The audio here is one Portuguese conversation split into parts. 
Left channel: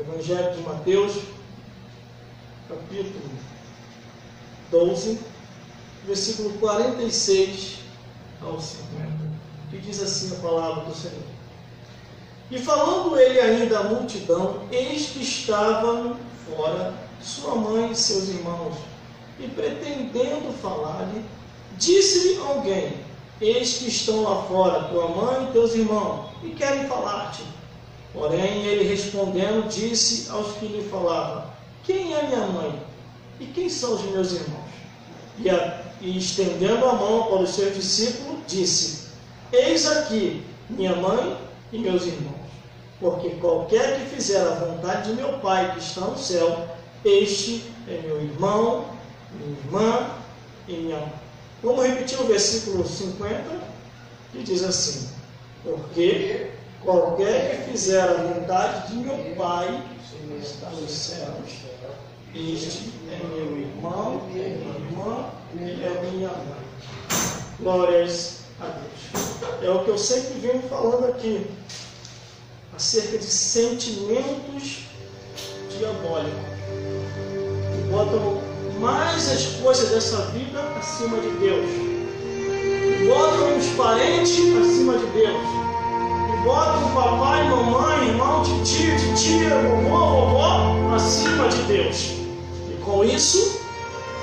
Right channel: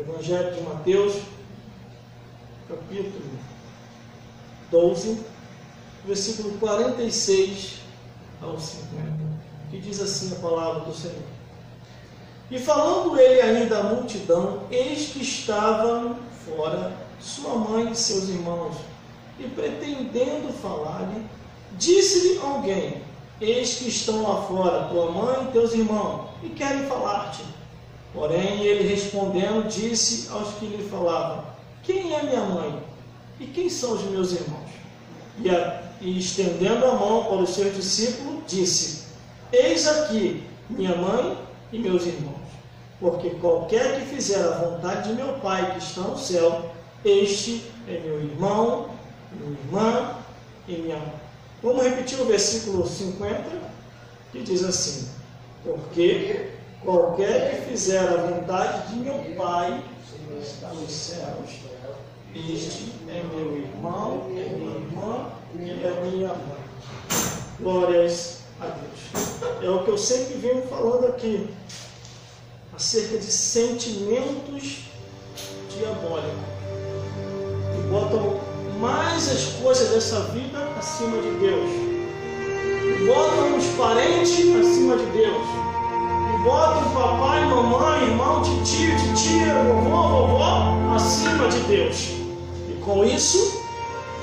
Evangelho de Mateus, capítulo 12, versículo 46 ao 50, que diz assim a palavra do Senhor. E falando ele ainda à multidão, eis que estavam fora sua mãe e seus irmãos, e pretendendo falar-lhe, disse-lhe alguém: eis que estão lá fora tua mãe e teus irmãos, e querem falar-te. Porém ele respondendo disse aos que lhe falavam: quem é minha mãe? E quem são os meus irmãos? E estendendo a mão para os seus discípulos, disse: eis aqui minha mãe e meus irmãos. Porque qualquer que fizer a vontade de meu Pai que está no céu, este é meu irmão, minha irmã e minha mãe. Vamos repetir o versículo 50, que diz assim: porque qualquer que fizer a vontade de meu Pai que está nos céus, este é meu irmão, minha irmã e é minha mãe. Glórias a Deus. É o que eu sempre venho falando aqui, acerca de sentimentos diabólicos, que botam mais as coisas dessa vida acima de Deus, que botam os parentes acima de Deus, que botam papai, mamãe, irmão, tio, titia, vovó acima de Deus. E com isso,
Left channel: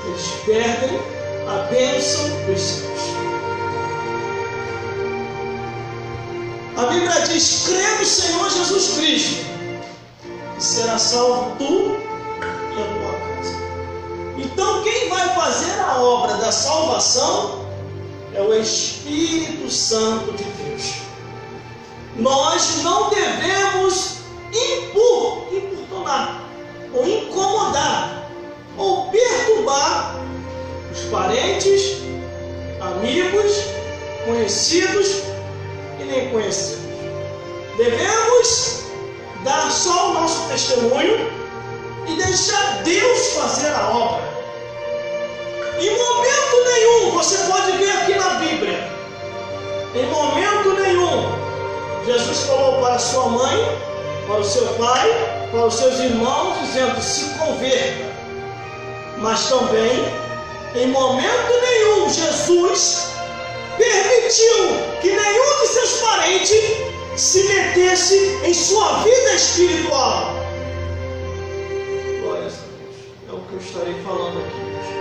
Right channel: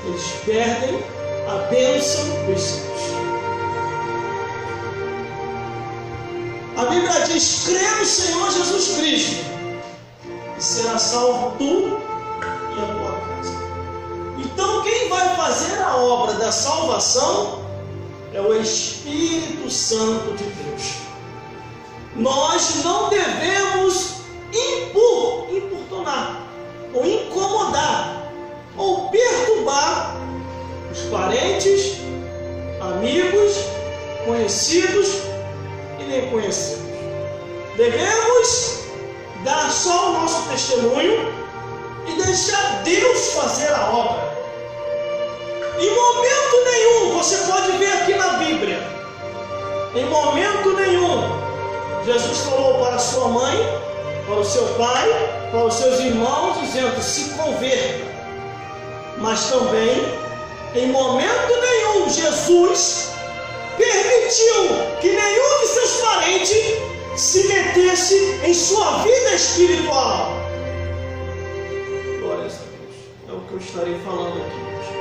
eles perdem a bênção dos céus. A Bíblia diz: crê no Senhor Jesus Cristo e será salvo tu e a tua casa. Então quem vai fazer a obra da salvação é o Espírito Santo de Deus. Nós não devemos importunar, ou incomodar, ou perturbar os parentes, amigos, conhecidos e nem conhecidos. Devemos dar só o nosso testemunho e deixar Deus fazer a obra. Em momento nenhum, você pode ver aqui na Bíblia, em momento nenhum, Jesus falou para sua mãe, para o seu pai, para os seus irmãos, dizendo: se converta. Mas também, em momento nenhum, Jesus permitiu que nenhum de seus parentes se metesse em sua vida espiritual. Glórias a Deus. É o que eu estarei falando aqui hoje.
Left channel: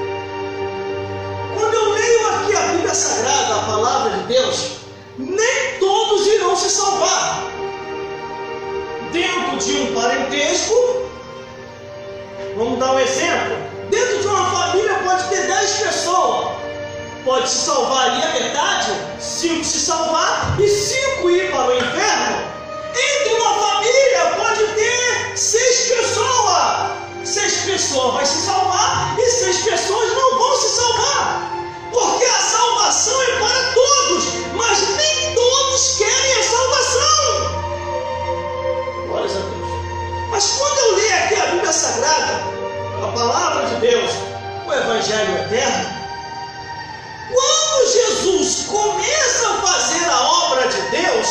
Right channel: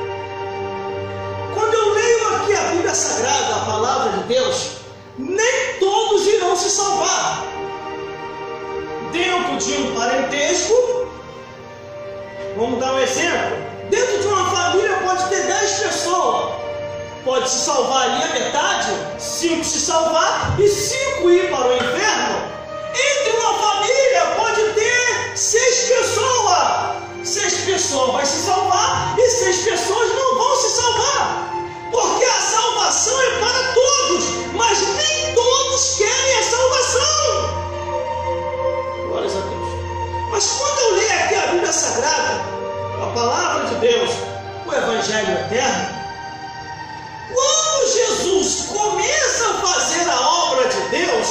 Quando eu leio aqui a Bíblia Sagrada, a palavra de Deus, nem todos irão se salvar. Dentro de um parentesco, vamos dar um exemplo, dentro de uma família pode ter 10 pessoas, pode se salvar ali a metade, 5 se salvar e 5 ir para o inferno. Entre uma família pode ter 6 pessoas, 6 pessoas vai se salvar e 6 pessoas não vão se salvar, porque a salvação é para todos, mas nem todos querem a salvação. Glórias a Deus. Mas quando eu leio aqui a Bíblia Sagrada, a palavra de Deus, o Evangelho eterno, quando Jesus começa a fazer a obra de Deus,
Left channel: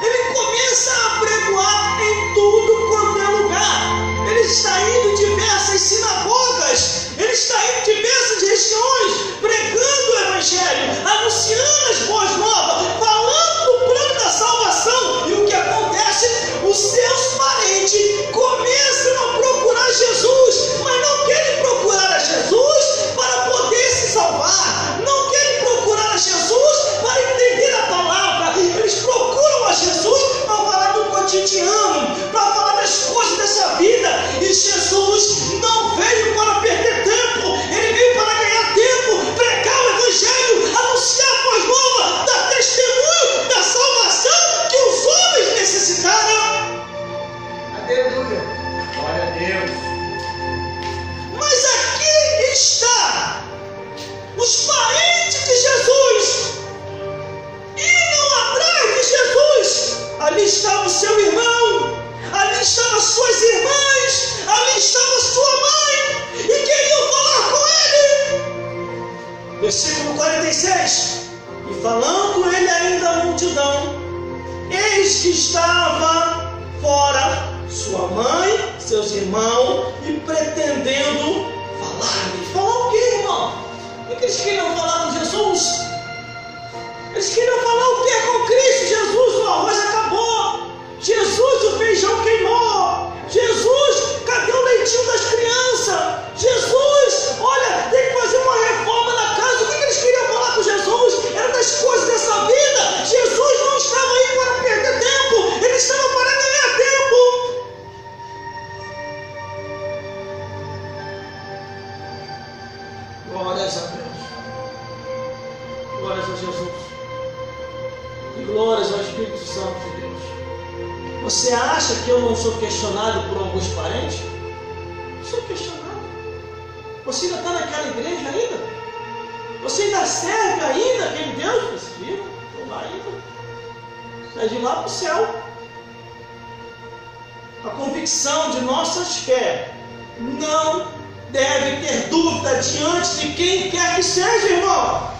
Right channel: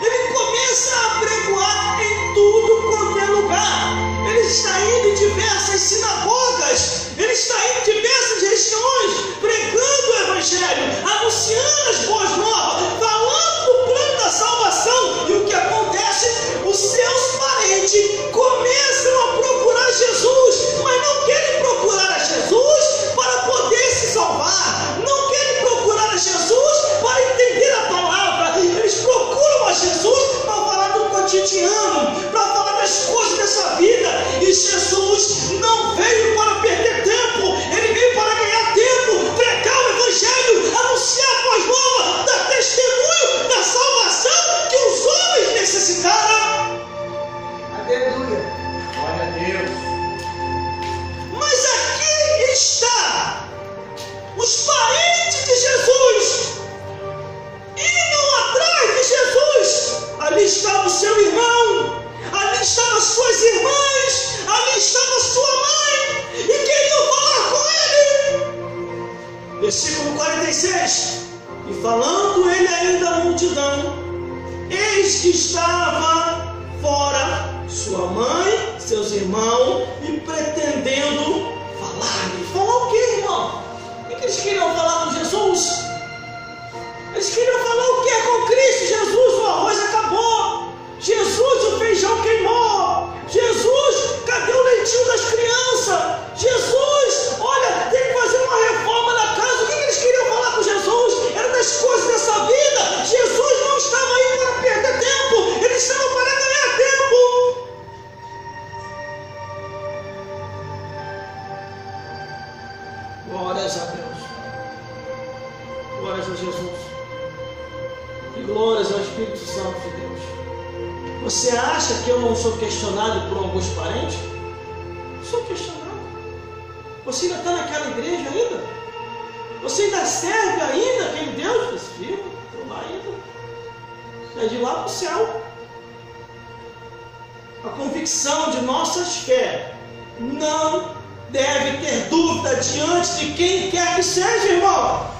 ele começa a pregoar em tudo quanto é lugar. Ele está indo em diversas sinagogas, ele está indo em diversas regiões, pregando o Evangelho, anunciando as boas novas, falando do plano da salvação. E o que acontece? Os seus parentes começam a procurar Jesus, mas não querem procurar a Jesus para poder se salvar, não querem procurar a Jesus para entender a palavra. Eles procuram a Jesus para falar do cotidiano, para falar das coisas dessa vida. E Jesus não veio para perder tempo, ele veio para ganhar tempo, pregar o Evangelho, anunciar a boa nova, dar testemunho da salvação que os homens necessitaram. Aleluia. Glória a Deus. Mas aqui está os parentes de Jesus indo atrás de Jesus. Ali estava o seu irmão, ali estavam as suas irmãs, ali estava a sua mãe, e queriam falar com ele. Versículo 46. E falando ele ainda à multidão, eis que estava fora sua mãe seus irmãos e pretendendo falar. Falar o que, irmão? O que eles queriam falar com Jesus? Eles queriam falar o que com Cristo? Jesus, o arroz acabou. Jesus, o feijão queimou. Jesus, cadê o leitinho das crianças? Jesus, olha, tem que fazer uma reforma na casa. O que eles queriam falar com Jesus? Era das coisas dessa vida. Jesus não estava aí para perder tempo. Ele estava para ganhar tempo. Glórias a Deus. Glórias a Jesus. E glórias ao Espírito Santo de Deus. Você acha que eu não sou questionado por alguns parentes? Sou questionado. Você ainda está naquela igreja ainda? Você ainda serve ainda aquele Deus? Vocês viram? Estou lá ainda. É de lá para o céu. A convicção de nossas fé não deve ter dúvida diante de quem quer que seja, irmão.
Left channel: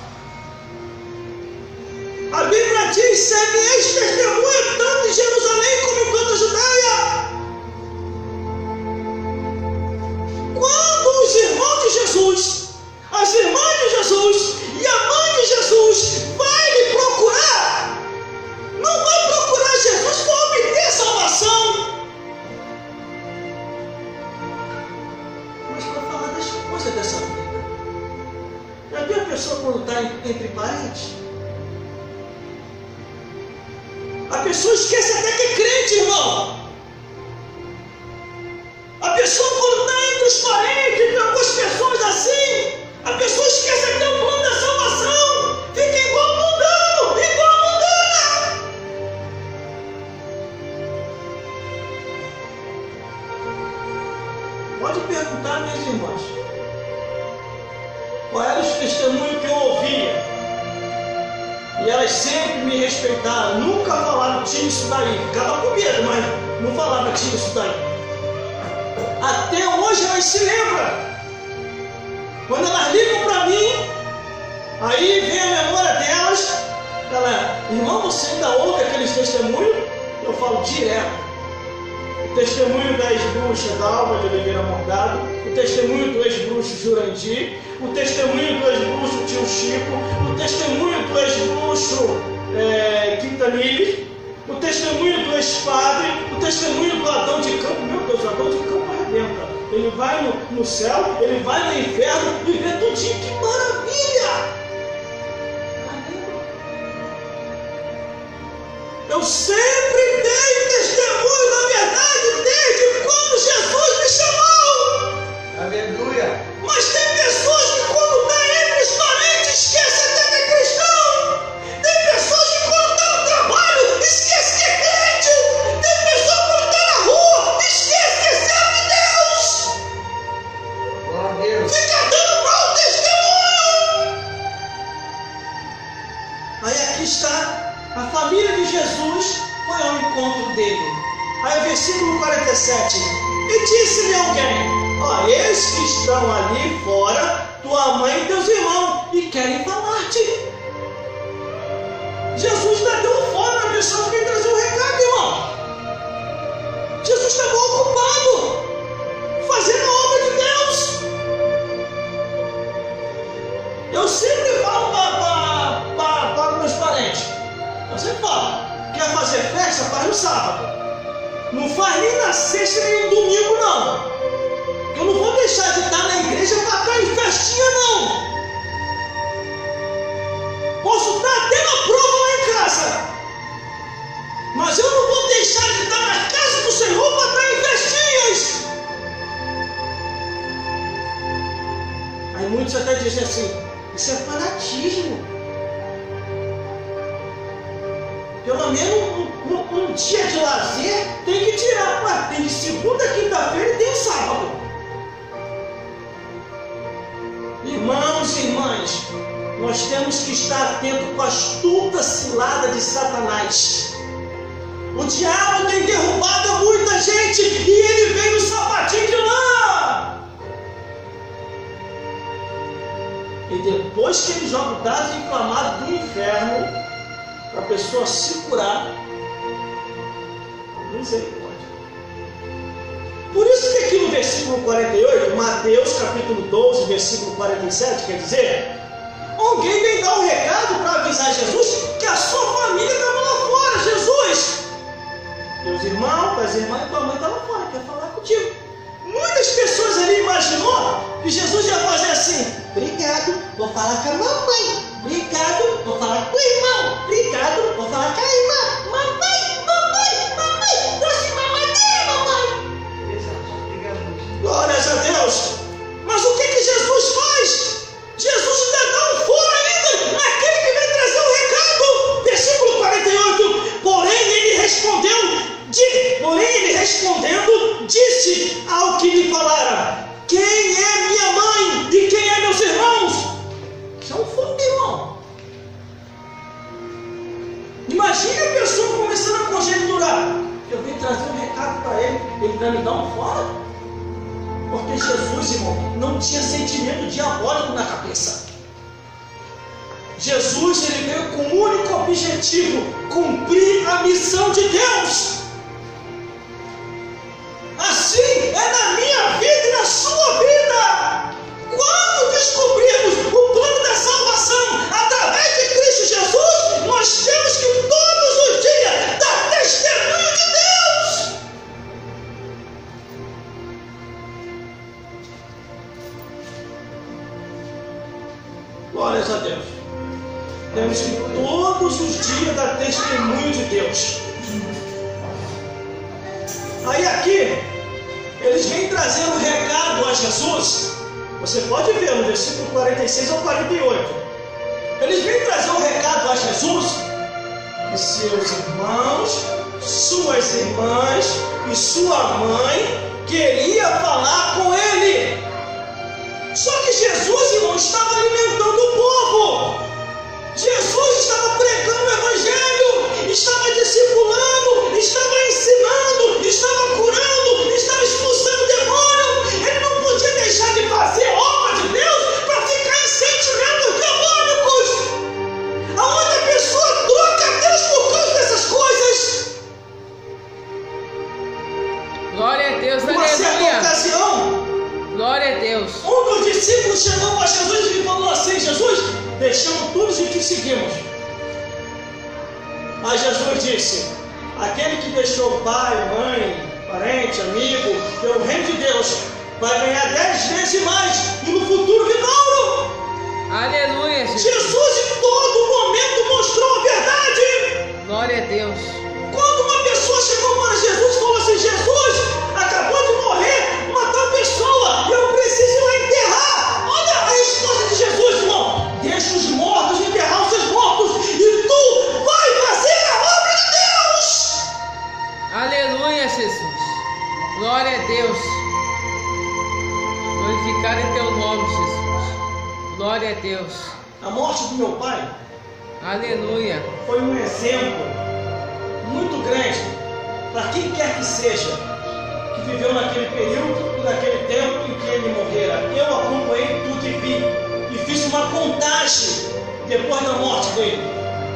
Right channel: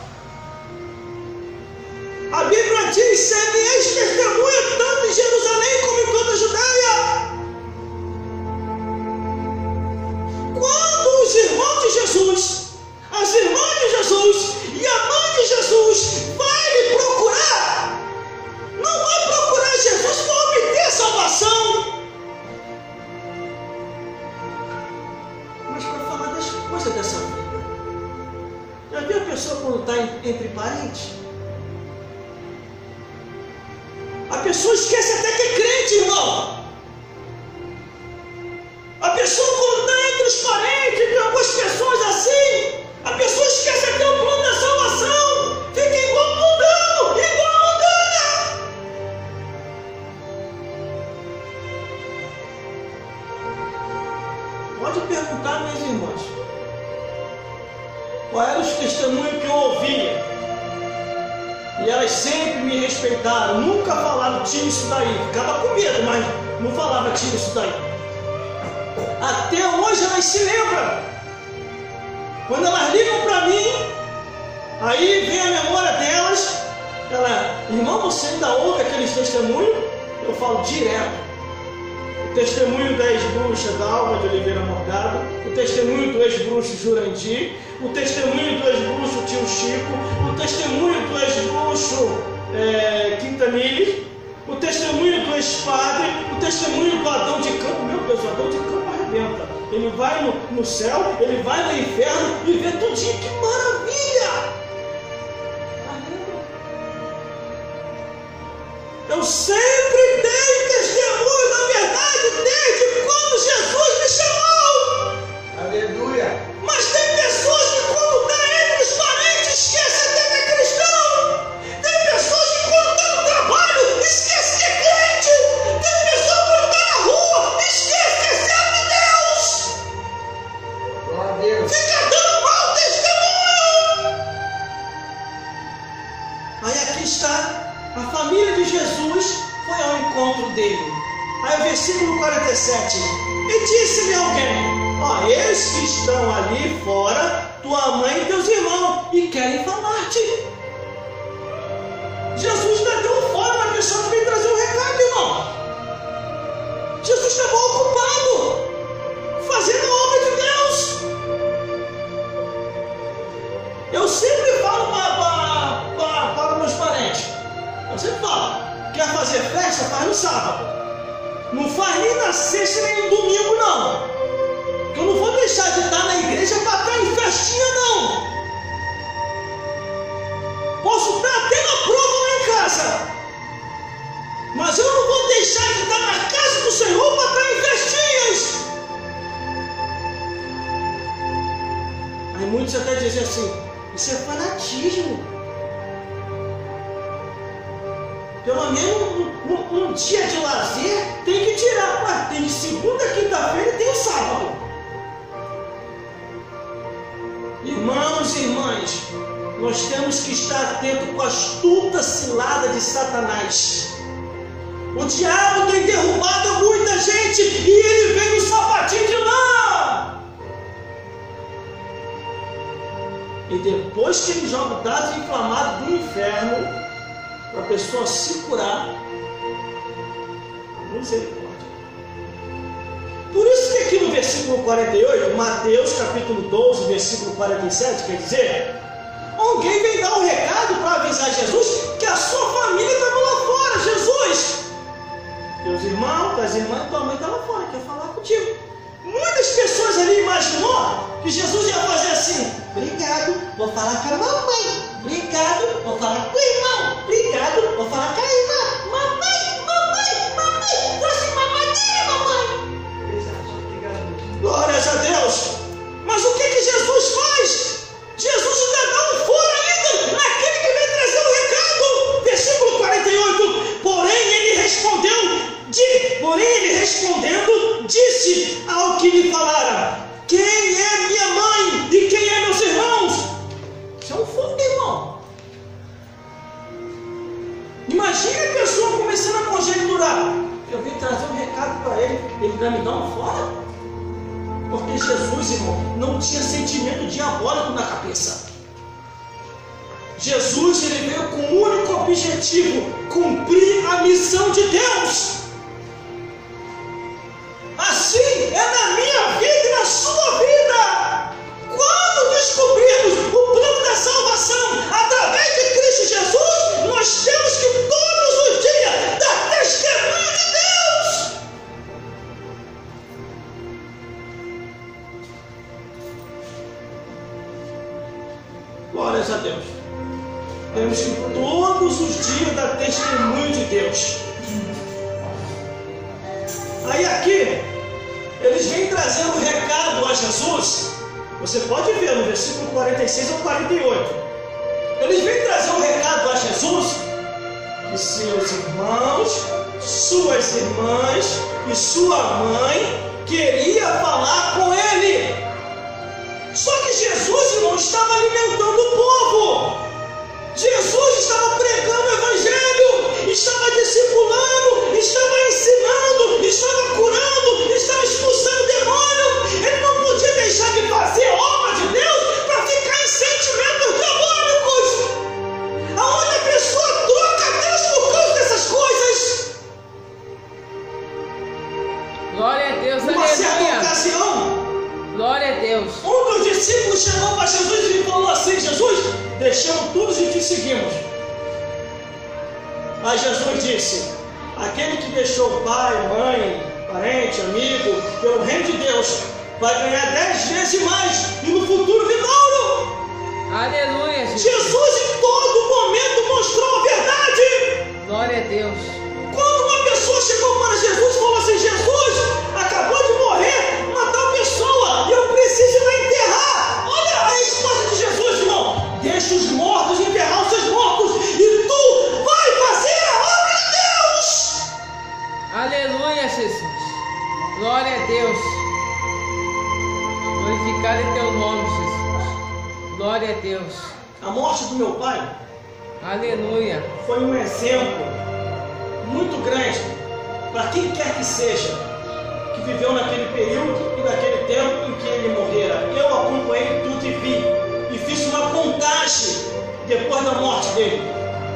A Bíblia diz: semeis testemunha tanto em Jerusalém como em toda a Judeia. Quando os irmãos de Jesus, as irmãs de Jesus e a mãe de Jesus vai lhe procurar, não vai procurar Jesus para obter salvação, mas para falar das coisas dessa vida. Já viu a pessoa quando está entre parentes? A pessoa esquece até que é crente, irmão. A pessoa quando está entre os parentes, tem algumas pessoas assim, a pessoa esquece até o plano da salvação. Fica igual mundano, igual mundana. Pode perguntar, minhas irmãs, qual eram os testemunhos que eu ouvia. E elas sempre me respeitaram, nunca falaram: tira isso daí. Ficava com medo, mas não falava: tira isso daí. Até hoje elas se lembram. Quando elas ligam para mim, aí vem a memória delas. Ela: irmão, você ainda ouve aqueles testemunhos? Eu falo direto. O testemunho da ex-bruxa da Alva de Oliveira Morgado, o testemunho do ex-bruxo Jurandir, o testemunho do ex-bruxo Tio Chico, o testemunho do ex-bruxo Quintanilha, o testemunho do ex-padre, o testemunho do Adão de Campo. Meu Deus, o Adão de Campo arrebenta. Ele vai no céu, ele vai no inferno e vê tudinho. Que maravilha! Eu sempre dei testemunho da verdade desde quando Jesus me chamou. Aleluia. Mas tem pessoas que quando está entre os parentes esquecem até que é cristão. Tem pessoas que quando está no trabalho esquecem que é crente. Tem pessoas que quando está na rua esquecem que é servo de Deus. Glória a Deus. Fica dando mau testemunho. Aí aqui está. A família de Jesus foi ao encontro dele. Aí o versículo 47. E disse-lhe alguém: ó, eles que estão ali fora, tua mãe e teus irmãos, e querem falar-te. Jesus ainda deu fora na pessoa que veio trazer o recado, irmão. Jesus estava ocupado fazendo a obra de Deus. Eu sempre falo para meus parentes. Eu sempre falo: quer fazer festa? Faz no sábado. Não faz nem na sexta nem no domingo, não. Porque eu não vou deixar de estar na igreja para estar em festinha, não. Posso estar até na prova lá em casa, mas eu não vou deixar de estar na casa do Senhor para estar em festinhas. Aí muitos até dizem assim: isso é fanatismo. Pelo menos um dia de lazer tem que tirar. Ué, tem de segunda, quinta-feira e tem sábado. Irmãos e irmãs, nós temos que estar atentos com a astuta cilada de Satanás. O diabo tem derrubado muita gente e ele vem no sapatinho de lã. E depois que ele joga o dado inflamado do inferno para a pessoa se curar, misericórdia. Por isso versículo 48, Mateus capítulo 12, versículo 47, quer dizer, alguém vem dar um recado para avisar Jesus que a sua família estava lá fora. Jesus, teus irmãos, tuas irmãs e tua mãe estavam lá fora, quer falar contigo. Muitas pessoas ali imaginou que Jesus ia fazer assim: obrigado, vou falar com a mamãe. Obrigado, vou falar com o irmão. Obrigado, vou falar com a irmã. Mamãe, trouxe mamadeira, mamãe. Glórias a Deus. Mas o que Jesus faz? Jesus ainda dá um fora ainda naquele que vem trazer o recado. Versículo 48. Porém ele respondendo, disse ao que lhe falara: quem é minha mãe e quem é meus irmãos? Isso é um fogo, irmão. Imagine a pessoa começando a conjecturar: eu vim trazer um recado para ele vai me dar um fora? Porque Jesus, irmão, não tinha sentimento diabólico na cabeça. Jesus, ele veio com um único objetivo: cumprir a missão de Deus. Assim é na minha vida e na sua vida. Quando descobrirmos o plano da salvação através de Cristo Jesus, nós temos que todos os dias dar testemunho de Deus. Glórias a Deus. Temos que todos os dias dar testemunho de Deus. Aí aqui, eles vêm trazendo um recado a Jesus. Você pode ver no versículo 46 ao 48. Eles vêm trazer um recado a Jesus que seus irmãos, suas irmãs e sua mãe queria falar com ele. Só que Jesus, irmão, estava alimentando o povo. Jesus estava pregando o Evangelho, estava discipulando, estava ensinando, estava curando, estava expulsando demônio. Ele não podia deixar de fazer a obra de Deus para ficar em sentimentos diabólicos, aonde a pessoa troca Deus por causa dessas coisas. Glória a Deus, Numa certa aleluia. ocasião, Glória a Deus. um dos discípulos chegou para Jesus e falou assim: Jesus, deixamos todos e te seguimos. Mas Jesus disse: aquele que deixou pai, mãe, parente, amigo, pelo reino de Deus, vai ganhar 10 vezes mais e no futuro vindouro. Aleluia, Jesus. Jesus em todo momento mostrou a verdade. Glória a Deus. Quando uma pessoa chegou para Jesus e falou assim: Jesus, acabou de morrer uma tal pessoa, eu preciso ir lá enterrar. Olha a resposta de Jesus, irmão: deixa os mortos enterrar os seus mortos e tu vai fazer a obra de Deus. Aleluia, Jesus. Glória a Deus. Glorificar em teu nome, Jesus. Glória a Deus. A morte do meu pai Aleluia. foi um exemplo muito grande para quem quer que seja que viveu naquele período e naquele tempo em que ele morrera. Eu acompanhei tudo e vi, e fiz uma contagem depois da morte dele.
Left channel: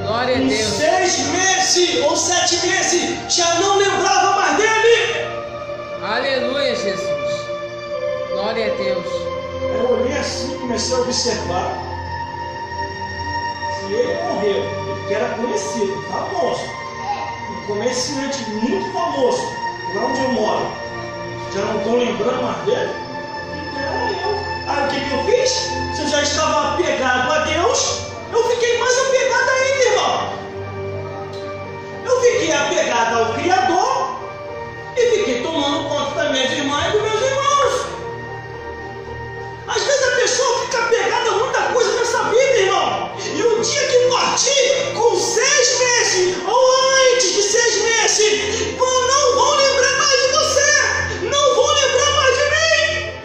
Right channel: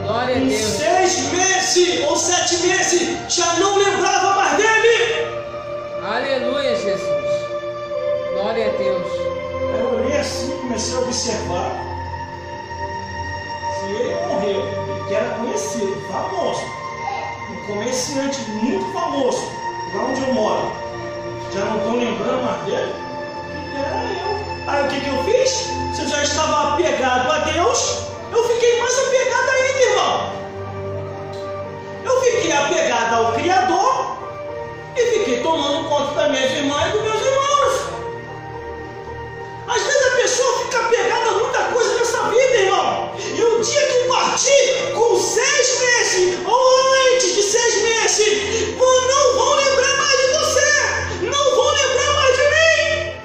Glória a Em Deus. 6 meses ou 7 meses já não lembrava mais dele. Aleluia, Jesus. Glória a Deus. Eu olhei assim e comecei a observar. Se ele morreu, ele que era conhecido, famoso, um comerciante muito famoso, lá onde eu moro, já não estou lembrando mais dele, que era eu. Aí o que eu fiz? Se eu já estava apegado a Deus, eu fiquei mais apegado ainda, irmão. Eu fiquei apegado ao Criador e fiquei tomando conta das minhas irmãs e dos meus irmãos. Às vezes a pessoa fica apegada a muita coisa nessa vida, irmão. E o dia que partir, com 6 meses ou antes de 6 meses, não vão lembrar mais de você. Não vão lembrar mais de mim.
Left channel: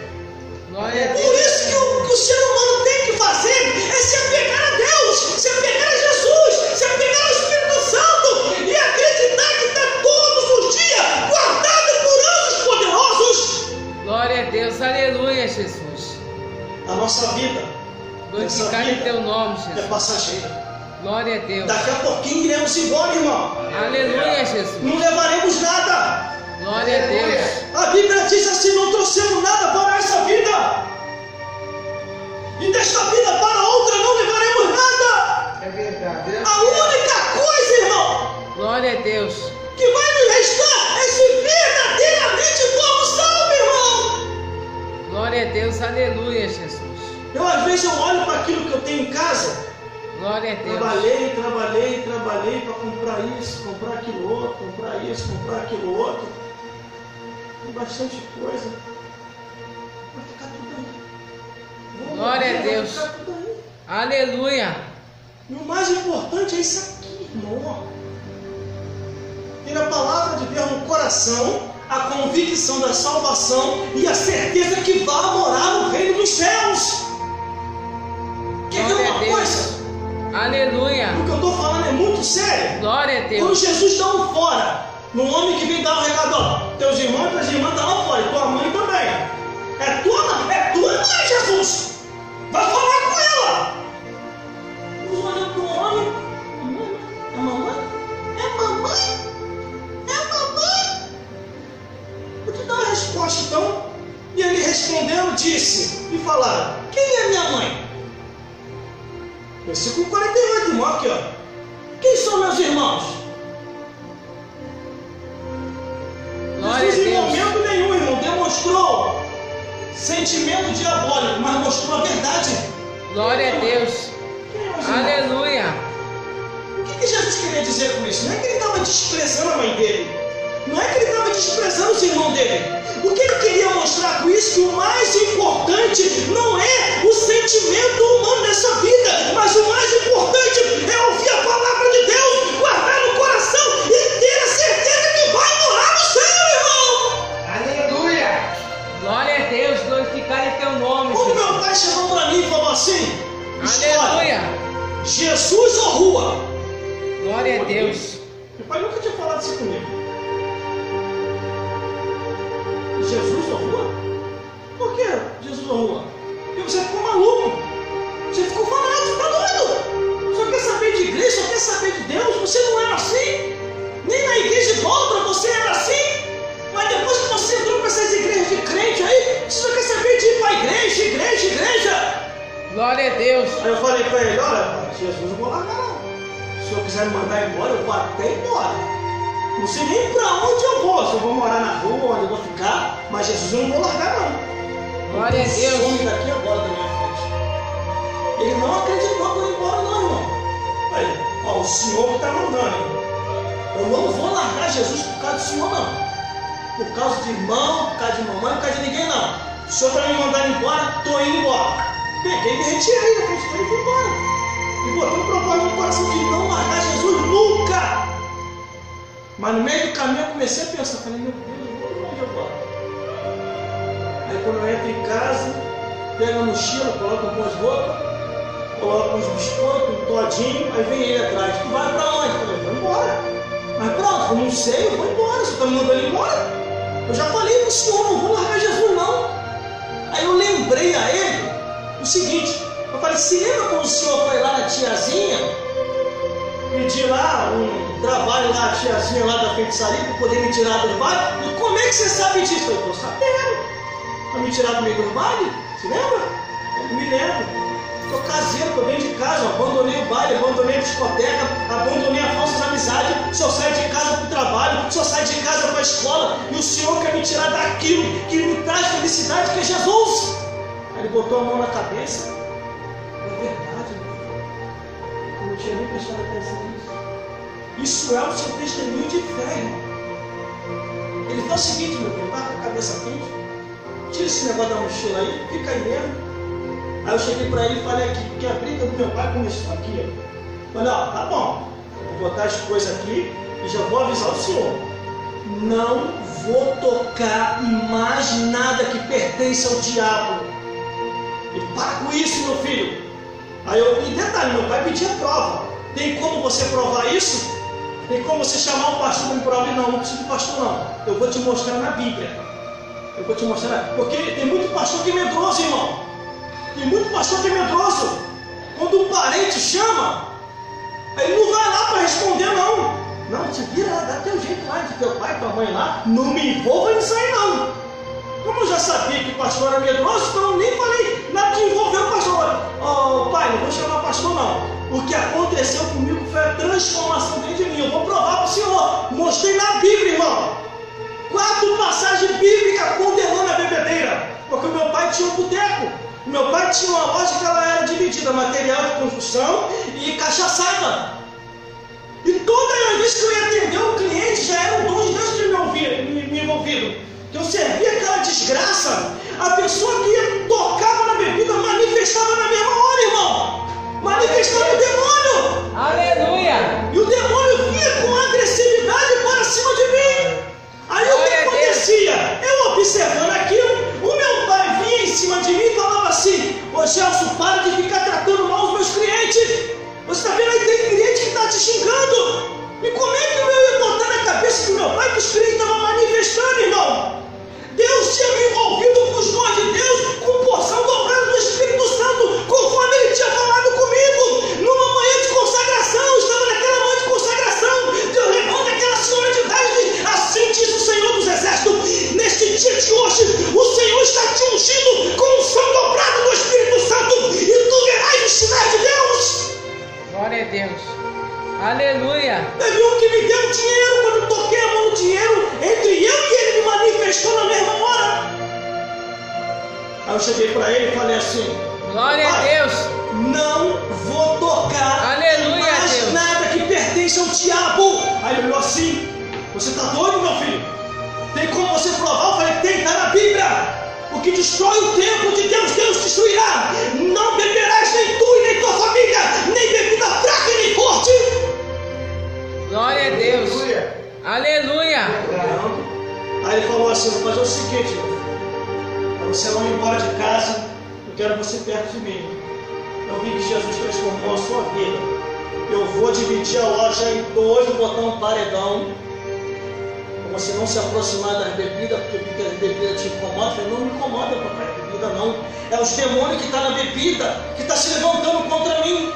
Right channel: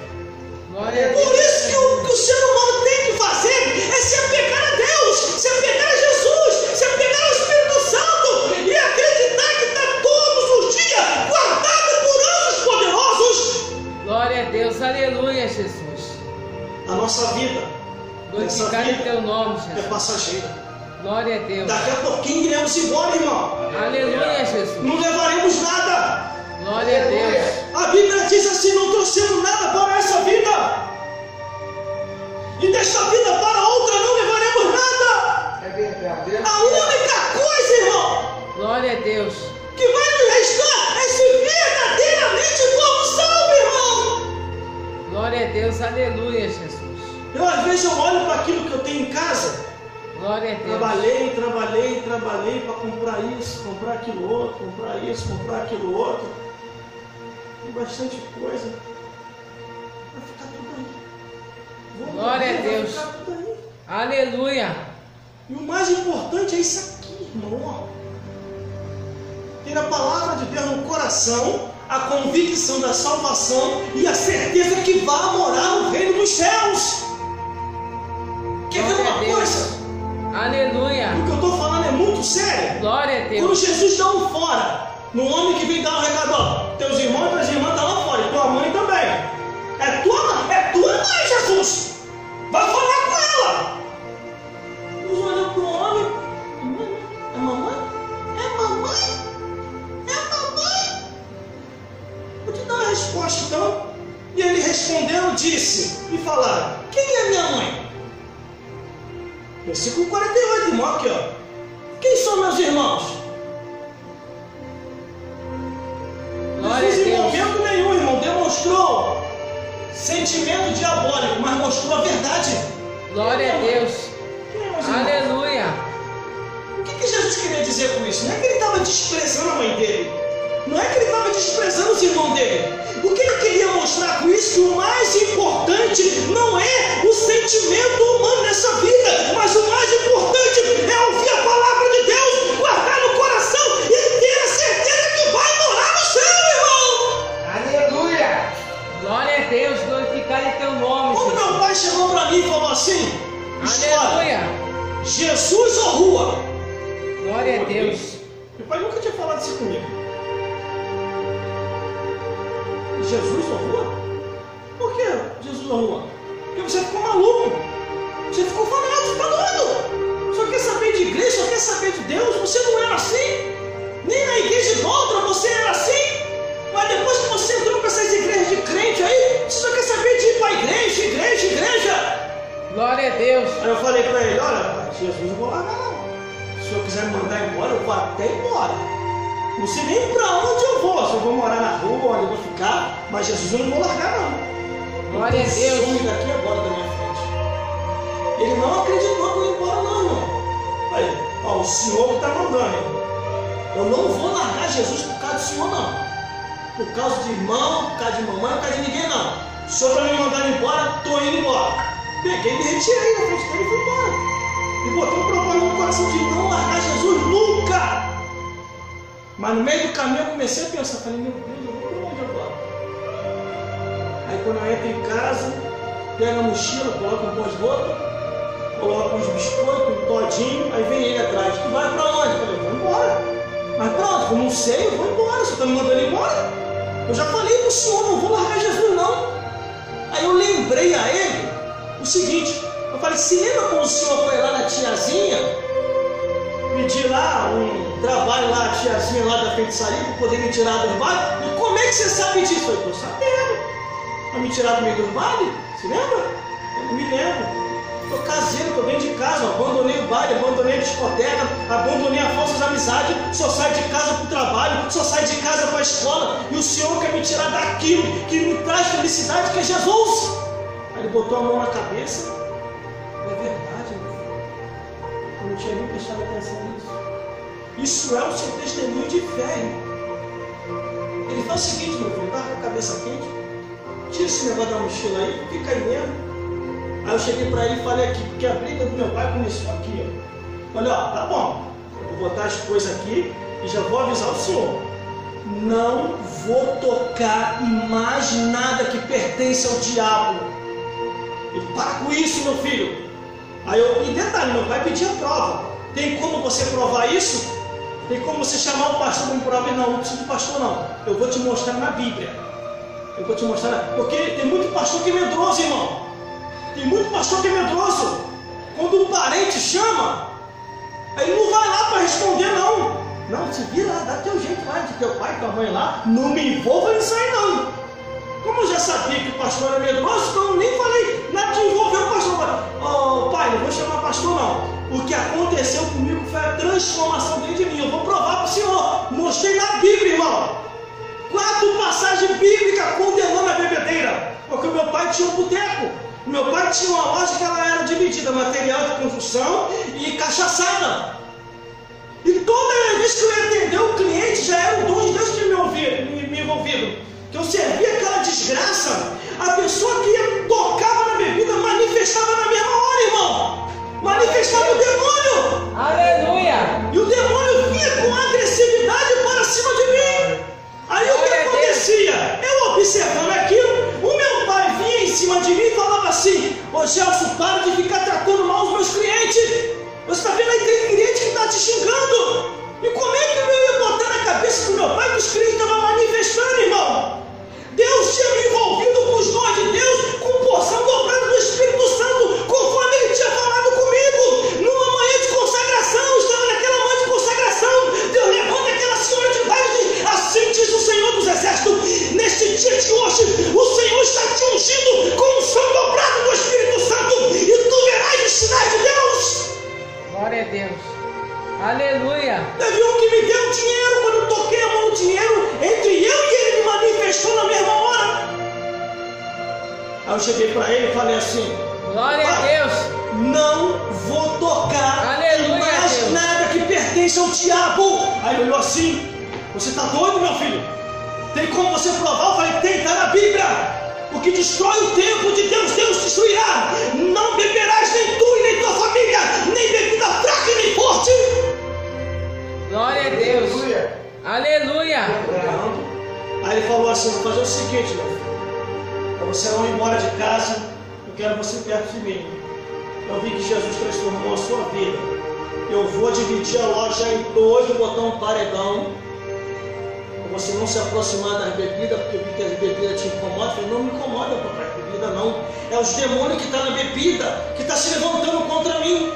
Glória a Por Deus. isso que o ser humano tem que fazer é se apegar a Deus, se apegar a Jesus, se apegar ao Espírito Santo e acreditar que está todos os dias guardado por anjos poderosos. Glória a Deus. Aleluia, Jesus. A nossa vida, essa Glorificar em vida teu nome, é Jesus. passageira. Glória a Deus. Daqui a pouquinho iremos embora, irmão. Aleluia, Jesus. Não levaremos nada. Glória a Deus. A Bíblia diz assim no outro trouxemos nada para essa vida. E desta vida para outra não levaremos nada. É verdade. A única coisa, irmão, Glória a Deus. que vai nos restar é se verdadeiramente como salvo, irmão. Glória a Deus. Aleluia, Jesus. Eu às vezes eu olho para aquilo que eu tenho em casa. Glória a Deus. Trabalhei para comprar isso, comprar aquilo outro, comprar isso, comprar aquilo outro. Tem bastante coisa. Vai ficar tudo aí. Glória a Deus. Vai ficar tudo aí. Aleluia. E o mais importante é isso aqui, irmão. Ter a palavra de Deus no coração, a convicção da salvação e a certeza que vá morar no reino dos céus. Quer ver Glória a uma Deus. coisa? Aleluia. O que eu estou falando é muito sério. Glória a Quando Deus. Jesus dá um fora no homem que vem dar um recado, ó, teus irmãos e tuas irmãs estão lá fora, e tua mãe também. É tua mãe, Jesus. Vai falar com ela. Jesus olhou para o homem. É mamãe? É mamãe? É mamãe? Vou te dar uma resposta então. E ele respondeu, disse, e falaram, quem é minha mãe? Versículo 48, irmão, aqui ó. Quem são meus irmãos? Glória a Jesus em Deus. momento nenhum, irmão, demonstrou sentimento diabólico, mas mostrou a verdade. Glória a Deus. Quem é meus irmãos? Aleluia. O que Jesus queria dizer com isso? Não é que ele estava desprezando a mãe dele. Não é que ele estava desprezando os irmãos dele. O que ele queria mostrar com isso? Que o mais importante não é o sentimento humano nessa vida, mas o mais importante é ouvir a palavra de Deus, guardar no coração e ter a certeza que vai morar no céu, irmão. Aleluia. Glória a Deus. Glorificado é teu nome, Quando Jesus. meu pai chegou para mim e falou assim, escolhe, Aleluia. Jesus ou rua? Glória a Deus. Meu pai nunca tinha falado isso comigo. Jesus ou rua? Por que Jesus ou rua? Porque você ficou maluco. Você ficou fanático, tá doido. Só quer saber de igreja, só quer saber de Deus. Você não era assim. Nem na igreja de outra você era assim. Mas depois que você entrou para essas igrejas de crente aí, você só quer saber de ir para a igreja, igreja. Glória a Deus. Aí eu falei para ele, olha, pai, Jesus eu vou largar não. Se o senhor quiser me mandar embora, eu vou até embora. Não sei nem para onde eu vou, se eu vou morar na rua, onde eu vou ficar, mas Jesus eu não vou largar não. Glória a Deus. Some daqui agora da minha frente. Ele não acreditou que eu ia embora não, irmão. Aí, ó, o senhor que está mandando, hein? Eu não vou largar Jesus por causa do senhor não. Por causa de irmão, por causa de mamãe, por causa de ninguém não. O senhor está me mandando embora, estou indo embora. Peguei e me retirei da frente dele e fui embora. E botou um propósito no coração de não largar Jesus nunca. Mas no meio do caminho eu comecei a pensar, falei, meu Deus, eu vou para onde agora? Aí quando eu entro em casa, pego a mochila, coloco um pão de roupa, coloco uns biscoitos, um todinho, aí vem ele atrás, tu vai para onde? Eu falei, eu vou embora. Mas pronto, eu não sei, eu vou embora, você está me mandando embora? Eu já falei para o senhor, não vou largar Jesus não. Aí eu lembrei a ele o seguinte, eu falei, se lembra quando o senhor foi lá na tiazinha, pedir lá um trabalho lá, a tiazinha lá da feitiçaria, para poder me tirar do baile? E como é que você sabe disso? Eu falei, estou sabendo. Para me tirar do meio do baile? Se lembra? Eu me lembro. Estou caseiro, estou dentro de casa, abandonei o baile, abandonei a discoteca, abandonei a falsas amizades, só saio de casa para o trabalho, só saio de casa para a escola, e o Senhor quer me tirar daquilo que me traz felicidade, que é Jesus. Aí ele botou a mão na cabeça. É verdade, meu filho. Eu não tinha nem prestado atenção nisso. Isso é o seu testemunho de fé, irmão. Ele faz o seguinte, meu filho, tá com a cabeça quente, tira esse negócio da mochila aí, fica aí mesmo. Aí eu cheguei para ele e falei aqui, porque a briga do meu pai começou aqui, ó. Falei, ó, tá bom, eu vou botar as coisas aqui e já vou avisar o senhor. Não vou tocar em mais nada que pertence ao diabo. E para com isso, meu filho. Aí e detalhe, meu pai pedia prova. Tem como você provar isso? Tem como você chamar o pastor para me provar? Não, não preciso de pastor não. Eu vou te mostrar na Bíblia. Eu vou te mostrar, porque tem muito pastor que é medroso, irmão. Tem muito pastor que é medroso. Quando um parente chama, ele não vai lá para responder, não. Não, se vira lá, dá teu jeito lá, de teu pai, tua mãe lá. Não me envolva nisso aí, não. Como eu já sabia que o pastor era medroso, então eu nem falei nada de envolver o pastor. Oh, pai, não vou chamar pastor não. O que aconteceu comigo foi a transformação dentro de mim. Eu vou provar para o senhor. Mostrei na Bíblia, irmão. 4 passagens bíblicas condenando a bebedeira. Porque o meu pai tinha um boteco. O meu pai tinha uma loja que ela era dividida, material de construção e cachaçada. E toda vez que eu ia atender o cliente, já era o dom de Deus que me envolvido. Que eu servia aquela desgraça. A pessoa que tocava na bebida manifestava na mesma hora, irmão. Manifestava o demônio. Aleluia. E o demônio vinha com agressividade para cima de mim. Aí o que acontecia? Eu observando aquilo, o meu pai vinha em cima de mim e falava assim: ô Gelson, para de ficar tratando mal os meus clientes. Você está vendo aí, tem cliente que está te xingando. E como é que eu ia botar na cabeça do meu pai que os clientes estavam manifestando, irmão? Deus tinha me envolvido com os dons de Deus, com porção dobrada do Espírito Santo, conforme Ele tinha falado comigo. Numa manhã de consagração, eu estava naquela manhã de consagração. Deus levanta aquela senhora de idade, assim diz o Senhor dos Exércitos. Neste dia de hoje, o Senhor está te ungindo com unção dobrada do Espírito Santo, e tu verás os sinais de Deus. Glória a Deus. Aleluia. Teve um que me deu dinheiro, quando eu toquei a mão no dinheiro, entre eu e ele me manifestou na mesma hora. Aí eu cheguei para ele e falei assim: glória a Deus. Não vou tocar Aleluia, mais Deus. nada que pertence ao diabo. Aí ele olhou assim: você está doido, meu filho? Tem como você provar? Eu falei: tem, está na Bíblia. O que destrói o templo de Deus, Deus destruirá. Não beberás nem tu e nem tua família, nem bebida fraca e nem forte. Glória a Deus. Aleluia. Aí ele falou assim: vou fazer o seguinte, meu filho, para você não ir embora de casa, eu quero você perto de mim. Eu vi que Jesus transformou a sua vida. Eu vou dividir a loja em 2, vou botar um paredão, para você não se aproximar das bebidas, porque eu vi que as bebidas te incomodam. Eu falei: não me incomoda, papai, bebida não. É os demônios que estão na bebida, que estão se levantando contra mim.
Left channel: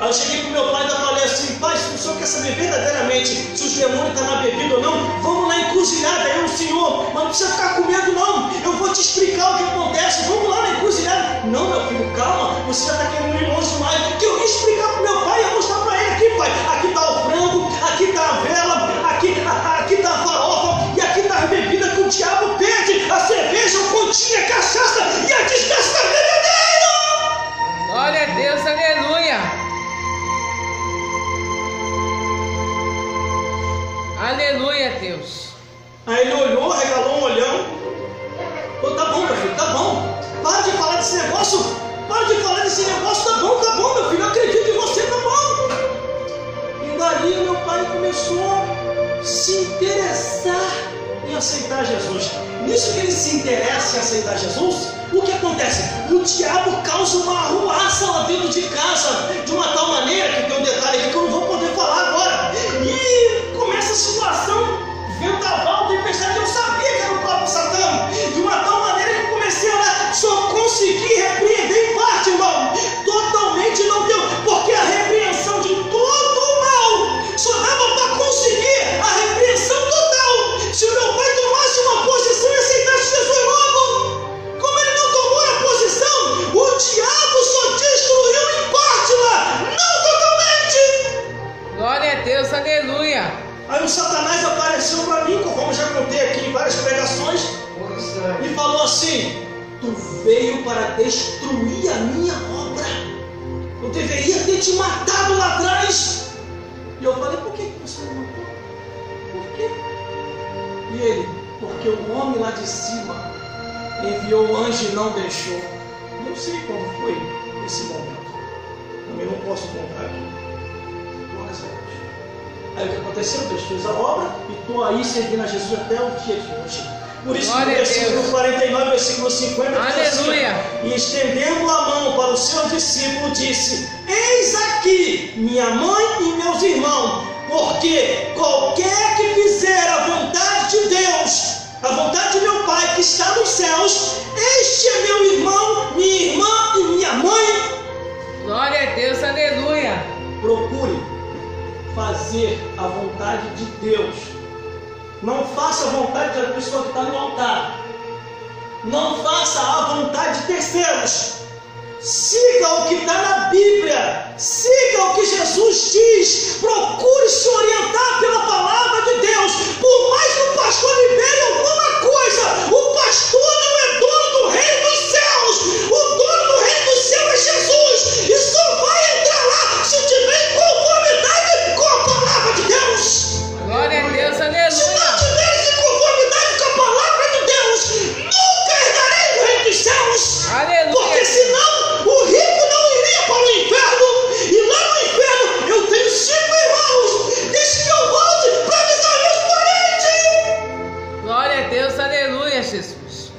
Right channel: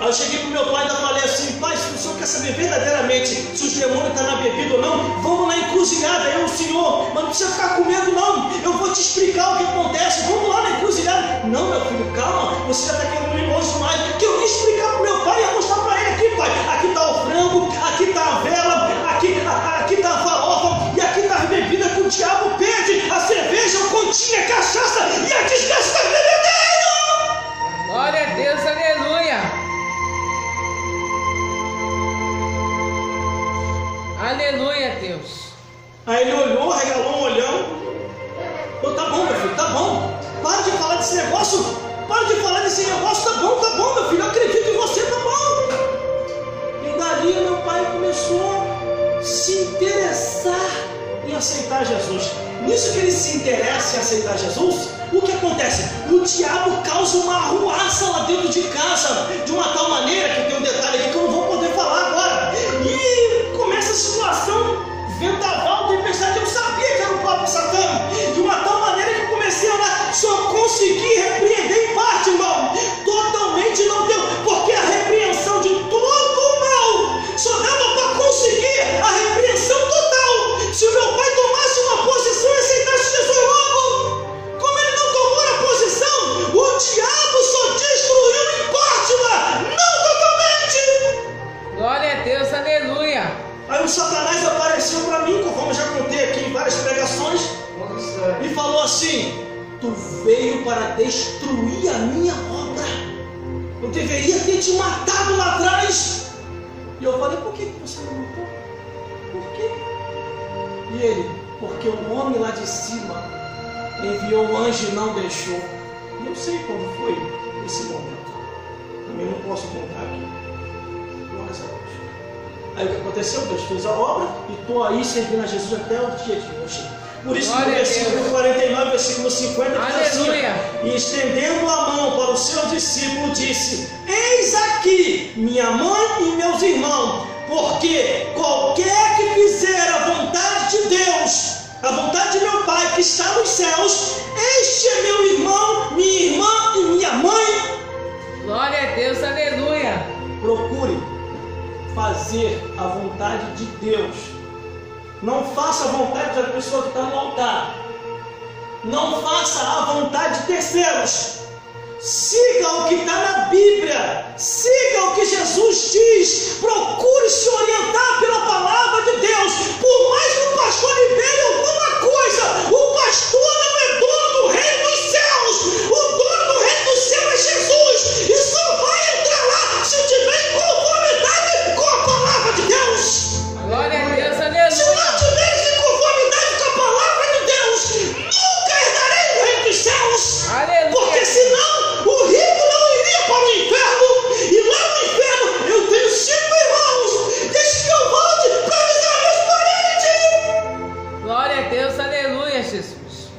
Aí eu cheguei para o meu pai e ainda falei assim: pai, se o senhor quer saber verdadeiramente se os demônios estão na bebida ou não, vamos na encruzilhada, eu, o senhor, mas não precisa ficar com medo não, eu vou te explicar o que acontece, vamos lá na encruzilhada. Não, meu filho, calma, você já está querendo ir longe demais, que eu ia explicar para o meu pai, ia mostrar para ele aqui: pai, aqui está o frango, aqui está a vela, aqui está a farofa, e aqui está a bebida que o diabo pede, a cerveja, o continho, a cachaça e a desgraça da bebedeira. Glória a Deus, aleluia. Aleluia, Deus. Aí ele olhou, regalou um olhão. Ô, tá bom, meu filho, tá bom. Para de falar desse negócio. Para de falar desse negócio. Tá bom, meu filho. Eu acredito em você, tá bom. E dali meu pai começou a se interessar em aceitar Jesus. Nisso que ele se interessa em aceitar Jesus, o que acontece? O diabo causa uma arruaça lá dentro de casa, de uma tal maneira, que tem um detalhe aqui que eu não vou poder falar agora. E começa a situação, vendaval, tempestade. Eu sabia que era o próprio Satã, de uma tal maneira que eu comecei a lá, só consegui repreender em parte, irmão. Totalmente não deu, porque a repreensão de todo o mal só dava para conseguir a repreensão total se o meu pai tomasse uma posição e aceitasse Jesus logo. Como ele não tomou a posição, o diabo só destruiu em parte lá, não totalmente. Glória a Deus, aleluia. Aí o Satanás apareceu para mim, conforme já contei aqui em várias pregações, e falou assim: tu veio para destruir a minha obra, eu deveria ter te matado lá atrás. E eu falei: por que você não matou? Por quê? E ele: porque o homem lá de cima enviou o anjo e não deixou. Não sei quando foi esse momento, também não posso contar aqui. Glórias a Deus. Aí o que aconteceu? Deus fez a obra e estou aí servindo a Jesus até o dia de hoje. Por isso, no versículo 49, versículo 50, diz assim: e estendendo a mão para o seu discípulo, disse: eis aqui minha mãe e meus irmãos, porque qualquer que fizer a vontade de Deus, a vontade de meu Pai que está nos céus, este é meu irmão, minha irmã e minha mãe. Glória a Deus, aleluia. Procure fazer a vontade de Deus. Não faça a vontade da pessoa que está no altar. Não faça a vontade de terceiros. Siga o que está na Bíblia. Siga o que Jesus diz. Procure se orientar pela palavra de Deus. Por mais que o pastor libere alguma coisa, o pastor não é dono do reino dos céus. O dono do reino dos céus é Jesus. E só vai entrar lá se tiver em conformidade com a palavra de Deus. Glória a Deus, aleluia. Se não tiver em conformidade com a palavra de Deus, nunca herdarei o reino dos céus. Aleluia. Porque senão o rico não iria para o inferno. E lá no inferno eu tenho 5 irmãos. Deixe que eu volte para avisar meus parentes. Glória a Deus, aleluia, Jesus.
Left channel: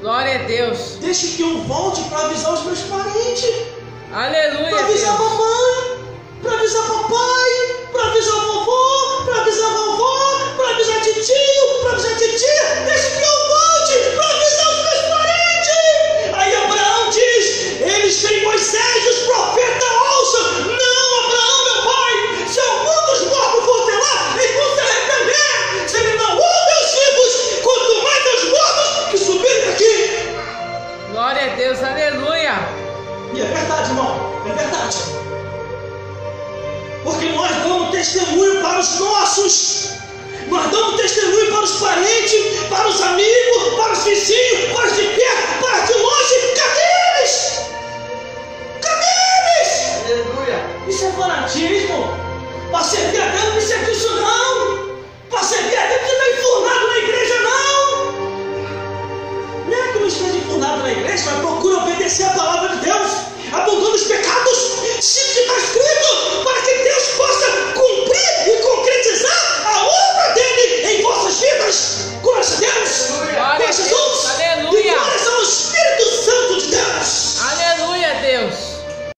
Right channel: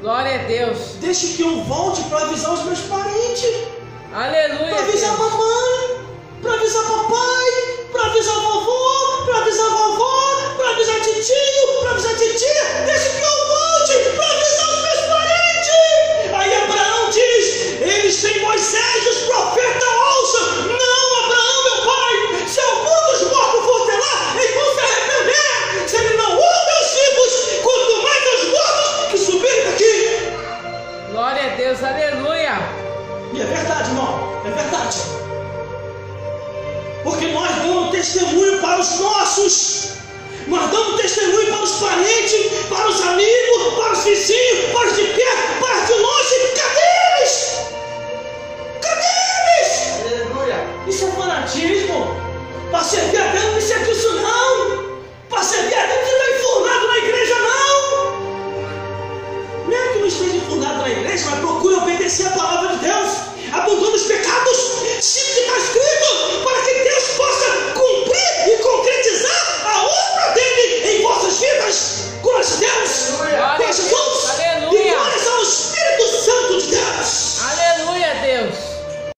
Glória a Deus. Deixe que eu volte para avisar os meus parentes. Aleluia. Para avisar a Deus. mamãe, para avisar papai, para avisar vovó, para avisar vovó, para avisar titio, para avisar titia. Deixe que eu volte para avisar os meus parentes. Aí Abraão diz: eles têm Moisés, os profetas ouçam. Não, Abraão, meu pai, se algum dos mortos for ter lá, eles vão se arrepender. Se ele não ouve os vivos, quanto mais os mortos que subirem daqui. Glória a Deus, aleluia. E é verdade, irmão, é verdade. Porque nós damos testemunho para os nossos. Nós damos testemunho para os parentes, para os amigos, para os vizinhos, para os de perto, para os de longe. Cadê eles? Cadê eles? Aleluia. Isso é fanatismo. Para servir a Deus não precisa disso não. Para servir a Deus não precisa estar enfurnado na igreja não. Não é que não esteja enfurnado na igreja, mas procure obedecer a palavra de Deus, abandonando os pecados.